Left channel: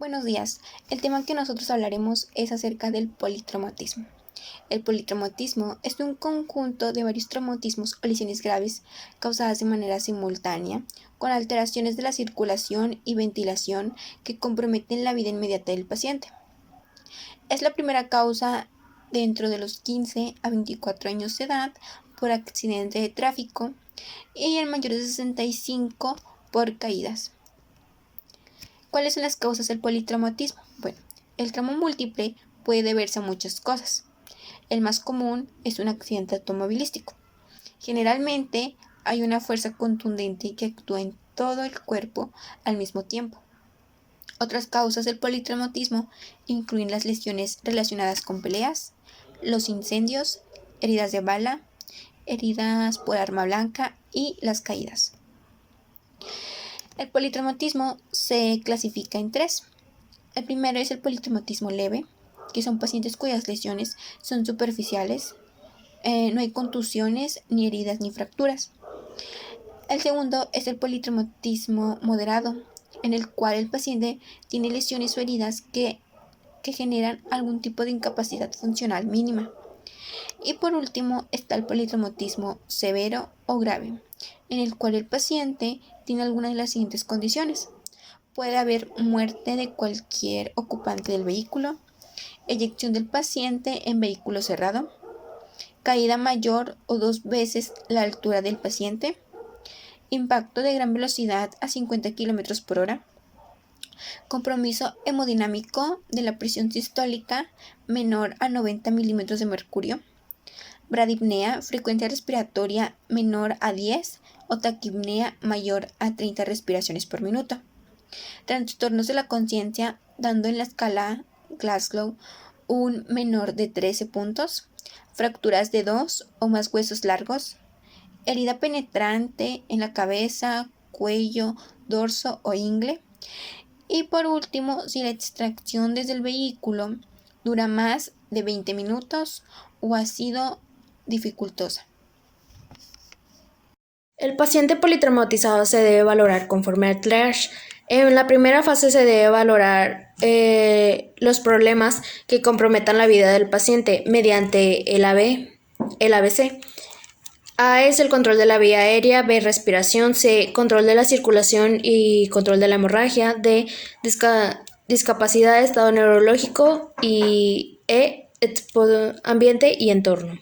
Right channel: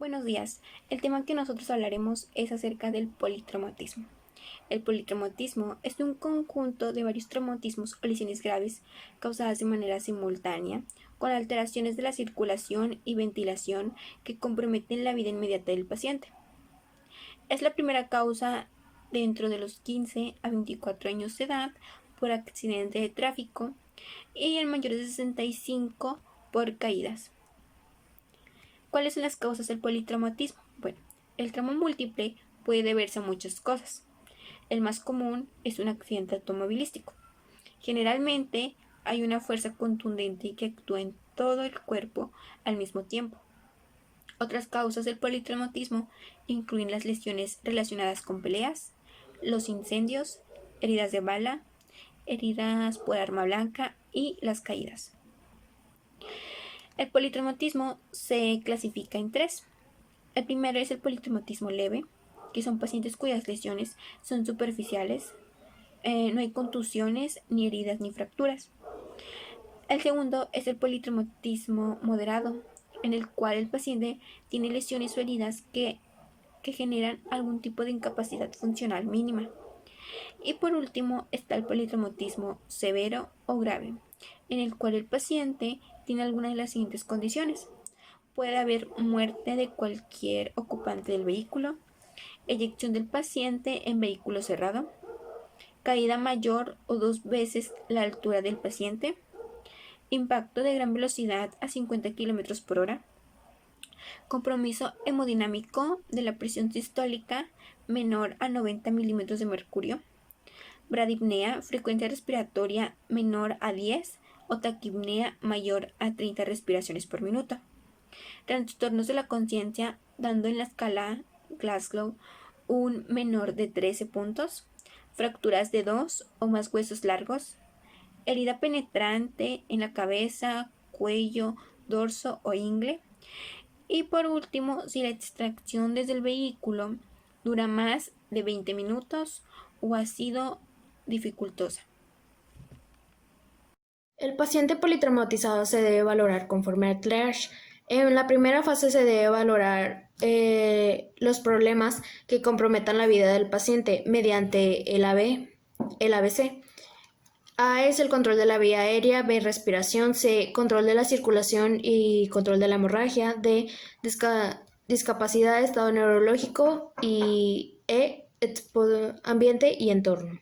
Buenos días. El tema que nosotros hablaremos es acerca del politraumatismo. El politraumatismo es un conjunto de varios traumatismos o lesiones graves causadas de manera simultánea, con alteraciones de la circulación y ventilación que comprometen la vida inmediata del paciente. Es la primera causa dentro de los 15 a 24 años de edad por accidente de tráfico y en mayores de 65 por caídas. ¿Cuáles son las causas del politraumatismo? Bueno, el trauma múltiple puede deberse a muchas cosas. El más común es un accidente automovilístico. Generalmente hay una fuerza contundente que actúa en todo el cuerpo al mismo tiempo. Otras causas del politraumatismo incluyen las lesiones relacionadas con peleas, los incendios, heridas de bala, heridas por arma blanca y las caídas. El politraumatismo se clasifica en tres. El primero es el politraumatismo leve, que son pacientes cuyas lesiones son superficiales, no hay contusiones, ni heridas, ni fracturas. El segundo es el politraumatismo moderado, en el cual el paciente tiene lesiones o heridas que generan algún tipo de incapacidad funcional mínima. Y por último está el politraumatismo severo o grave, en el cual el paciente tiene alguna de las siguientes condiciones. Puede haber muerte de cualquier ocupante del vehículo, eyección del paciente en vehículo cerrado, caída mayor o 2 veces la altura del paciente, impacto de gran velocidad a 50 km por hora, compromiso hemodinámico de la presión sistólica menor a 90 milímetros de mercurio, bradipnea, frecuencia respiratoria menor a 10 o taquipnea mayor a 30 respiraciones por minuto. Trastornos de la conciencia, dando en la escala Glasgow un menor de 13 puntos, fracturas de 2 o más huesos largos, herida penetrante en la cabeza, cuello, dorso o ingle. Y por último, si la extracción desde el vehículo dura más de 20 minutos o ha sido dificultosa. El paciente politraumatizado se debe valorar conforme al triage. En la primera fase se debe valorar los problemas que comprometan la vida del paciente mediante el ABC. A es el control de la vía aérea, B respiración, C control de la circulación y control de la hemorragia, D discapacidad de estado neurológico y ambiente y entorno.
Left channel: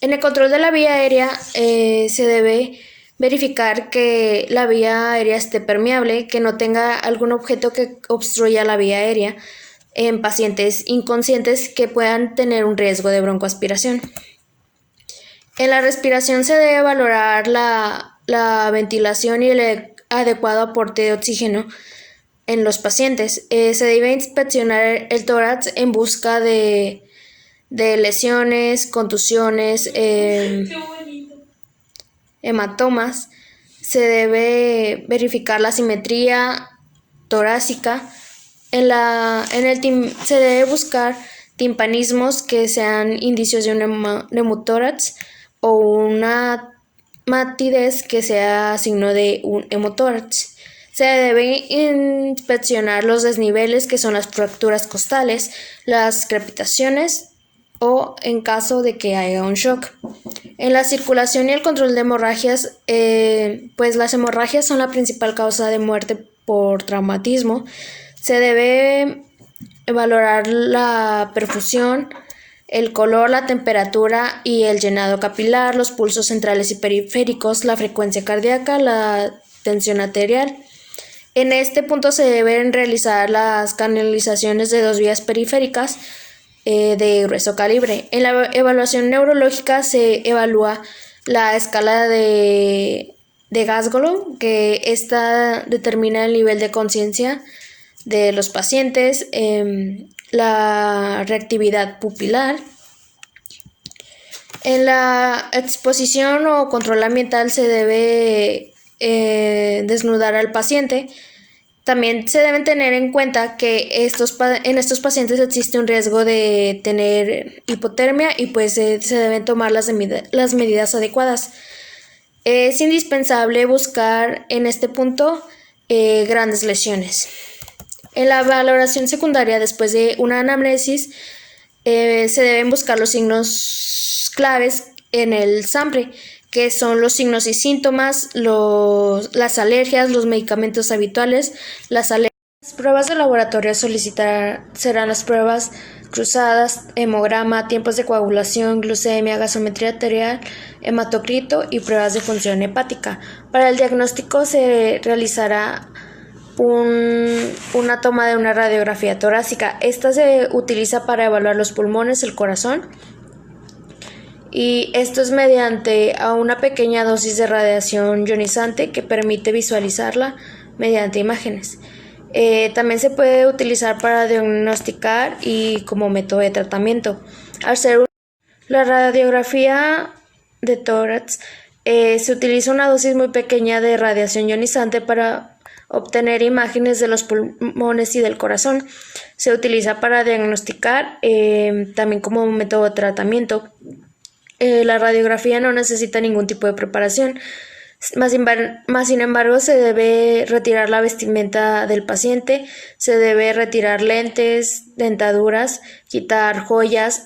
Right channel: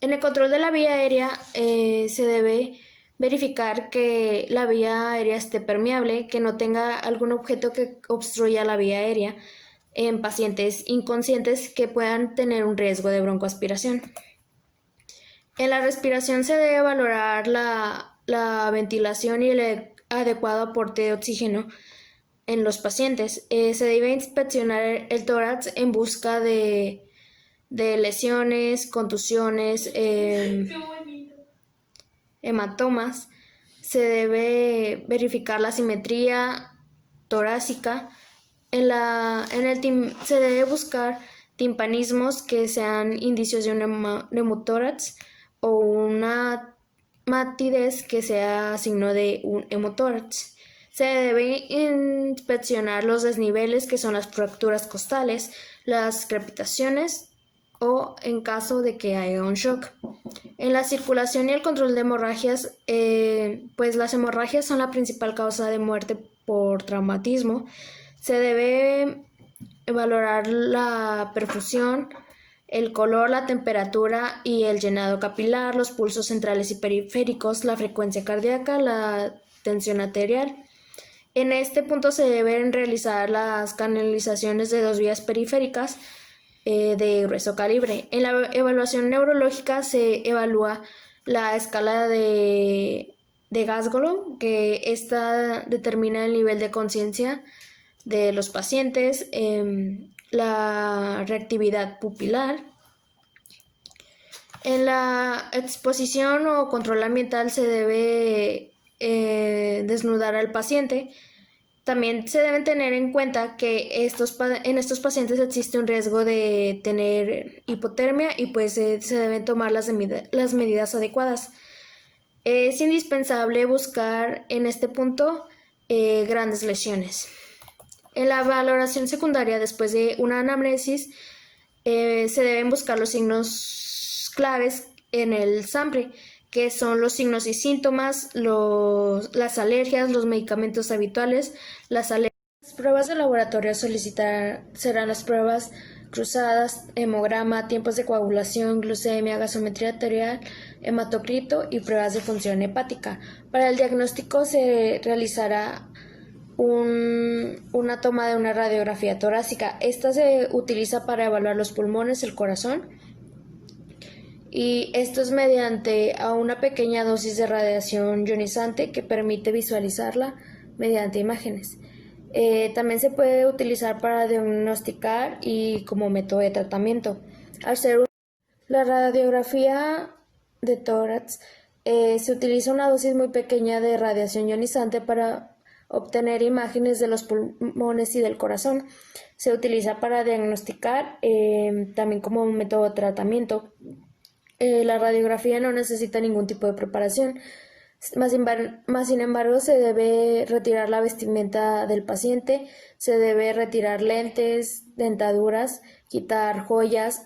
En el control de la vía aérea se debe verificar que la vía aérea esté permeable, que no tenga algún objeto que obstruya la vía aérea en pacientes inconscientes que puedan tener un riesgo de broncoaspiración. En la respiración se debe valorar la ventilación y el adecuado aporte de oxígeno en los pacientes. Se debe inspeccionar el tórax en busca de lesiones, contusiones, hematomas. Se debe verificar la simetría torácica. Se debe buscar timpanismos que sean indicios de un neumotórax o una matidez que sea signo de un hemotórax. Se debe inspeccionar los desniveles, que son las fracturas costales, las crepitaciones o en caso de que haya un shock. En la circulación y el control de hemorragias, pues las hemorragias son la principal causa de muerte por traumatismo. Se debe valorar la perfusión, el color, la temperatura y el llenado capilar, los pulsos centrales y periféricos, la frecuencia cardíaca, la tensión arterial. En este punto se deben realizar las canalizaciones de 2 vías periféricas de grueso calibre. En la evaluación neurológica se evalúa la escala de Glasgow, que esta determina el nivel de conciencia de los pacientes, la reactividad pupilar. En la exposición o control ambiental se debe desnudar al paciente. También se deben tener en cuenta que en estos pacientes existe un riesgo de tener hipotermia y pues se deben tomar las medidas adecuadas. Es indispensable buscar en este punto grandes lesiones. En la valoración secundaria, después de una anamnesis, se deben buscar los signos claves en el SAMPRE, que son los signos y síntomas, las alergias, los medicamentos habituales, las alergias. Las pruebas de laboratorio a solicitar serán las pruebas cruzadas, hemograma, tiempos de coagulación, glucemia, gasometría arterial, hematocrito y pruebas de función hepática. Para el diagnóstico se realizará una toma de una radiografía torácica. Esta se utiliza para evaluar los pulmones, el corazón, y esto es mediante a una pequeña dosis de radiación ionizante que permite visualizarla mediante imágenes. También se puede utilizar para diagnosticar y como método de tratamiento. La radiografía de tórax se utiliza una dosis muy pequeña de radiación ionizante para obtener imágenes de los pulmones y del corazón. Se utiliza para diagnosticar también como método de tratamiento. La radiografía no necesita ningún tipo de preparación. Más sin embargo, se debe retirar la vestimenta del paciente, se debe retirar lentes, dentaduras, quitar joyas,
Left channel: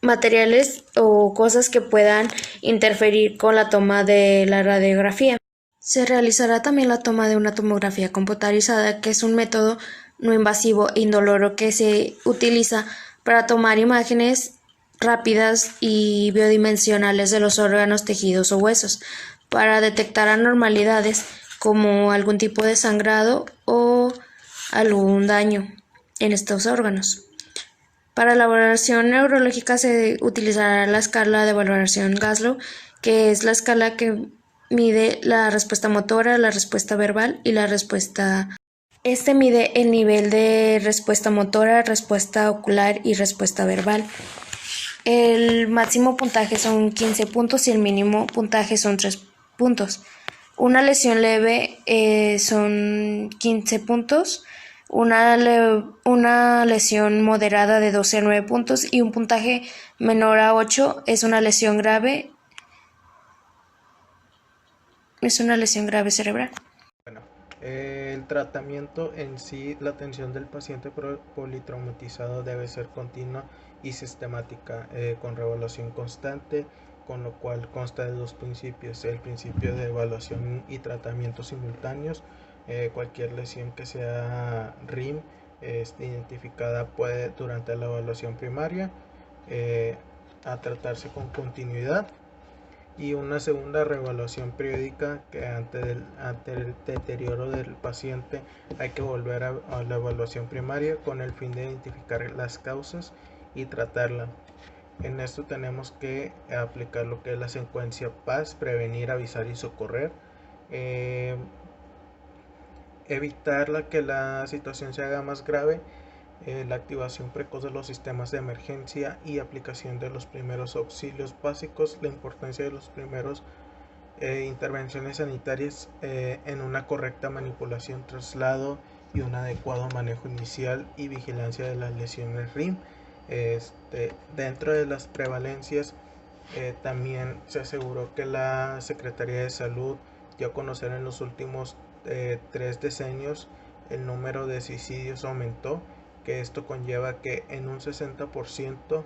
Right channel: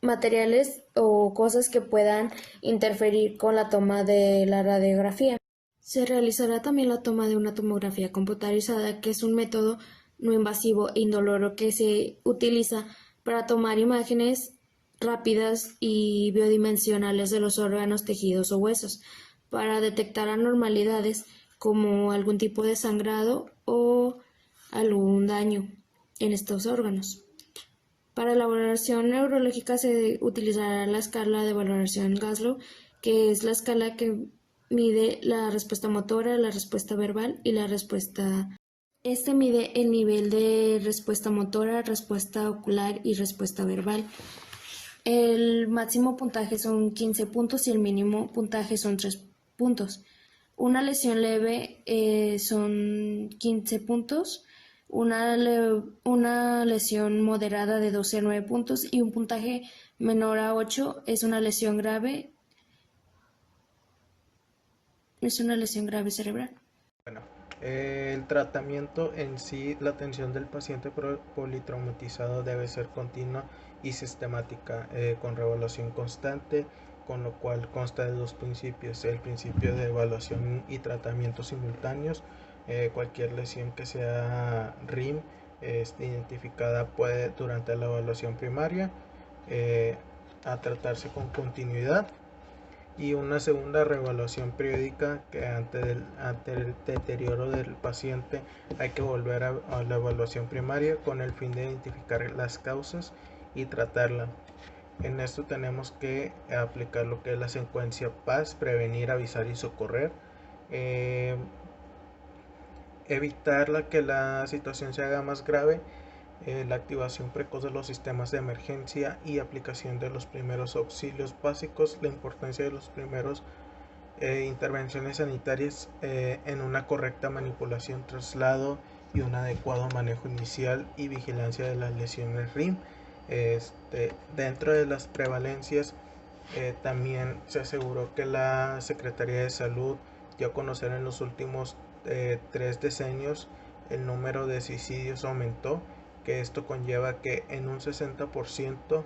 materiales o cosas que puedan interferir con la toma de la radiografía. Se realizará también la toma de una tomografía computarizada, que es un método no invasivo e indoloro que se utiliza para tomar imágenes rápidas y biodimensionales de los órganos, tejidos o huesos, para detectar anormalidades como algún tipo de sangrado o algún daño en estos órganos. Para la valoración neurológica se utilizará la escala de valoración Glasgow, que es la escala que mide la respuesta motora, la respuesta verbal y la respuesta. Este mide el nivel de respuesta motora, respuesta ocular y respuesta verbal. El máximo puntaje son 15 puntos y el mínimo puntaje son 3 puntos. Una lesión leve son 15 puntos, una lesión moderada de 12 a 9 puntos y un puntaje menor a 8 es una lesión grave cerebral. Bueno, el tratamiento en sí, la atención del paciente politraumatizado debe ser continua y sistemática, con reevaluación constante, con lo cual consta de dos principios: el principio de evaluación y tratamiento simultáneos. Cualquier lesión que sea RIM identificada puede durante la evaluación primaria a tratarse con continuidad, y una segunda reevaluación periódica, que ante el deterioro del paciente hay que volver a la evaluación primaria con el fin de identificar las causas y tratarla. En esto tenemos que aplicar lo que es la secuencia PAS: prevenir, avisar y socorrer. Evitar que la situación se haga más grave, la activación precoz de los sistemas de emergencia y aplicación de los primeros auxilios básicos, la importancia de los primeros intervenciones sanitarias en una correcta manipulación, traslado y un adecuado manejo inicial y vigilancia de las lesiones RIM. Dentro de las prevalencias, también se aseguró que la Secretaría de Salud dio a conocer en los últimos 3 decenios el número de suicidios aumentó, que esto conlleva que en un 60%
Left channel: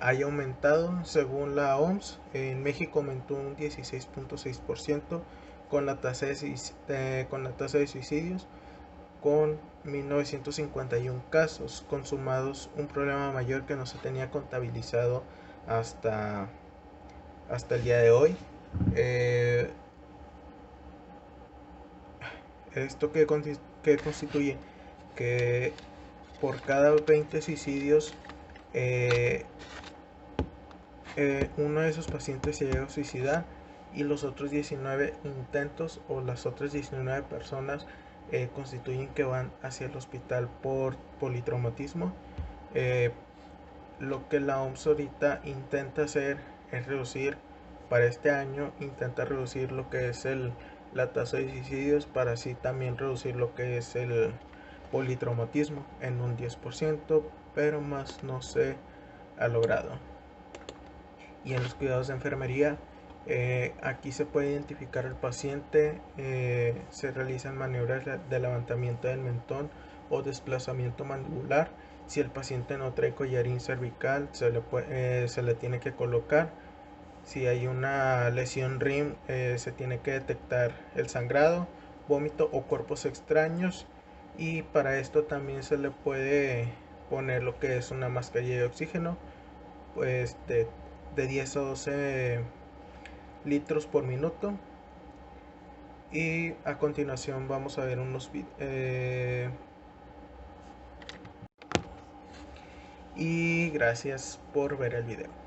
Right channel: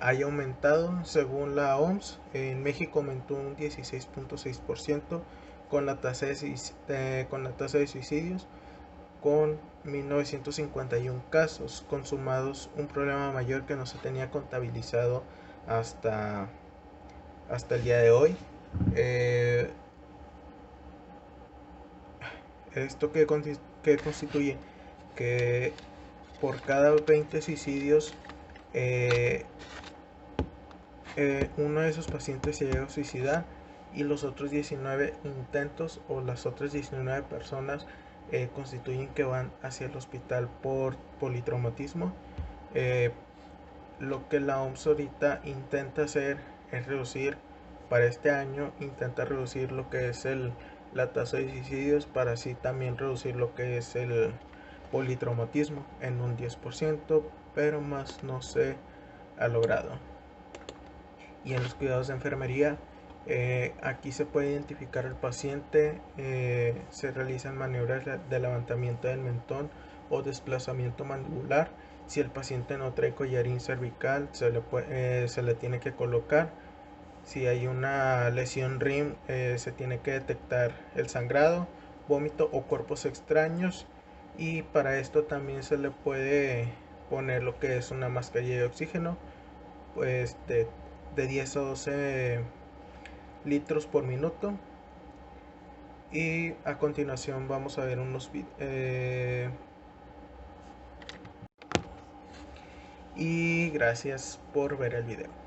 haya aumentado. Según la OMS, en México aumentó un 16.6% con la tasa de suicidios, con 1951 casos consumados, un problema mayor que no se tenía contabilizado hasta el día de hoy. Esto que constituye que por cada 20 suicidios uno de esos pacientes se llega a suicidar, y los otros 19 intentos o las otras 19 personas constituyen que van hacia el hospital por politraumatismo. Lo que la OMS ahorita intenta hacer es reducir, para este año intenta reducir lo que es la tasa de suicidios, para así también reducir lo que es el politraumatismo en un 10%, pero más no se ha logrado. Y en los cuidados de enfermería, Aquí se puede identificar al paciente, se realizan maniobras de levantamiento del mentón o desplazamiento mandibular. Si el paciente no trae collarín cervical, se le tiene que colocar. Si hay una lesión RIM, se tiene que detectar el sangrado, vómito o cuerpos extraños. Y para esto también se le puede poner lo que es una mascarilla de oxígeno, pues de 10 a 12 litros por minuto. Y a continuación vamos a ver unos y gracias por ver el video.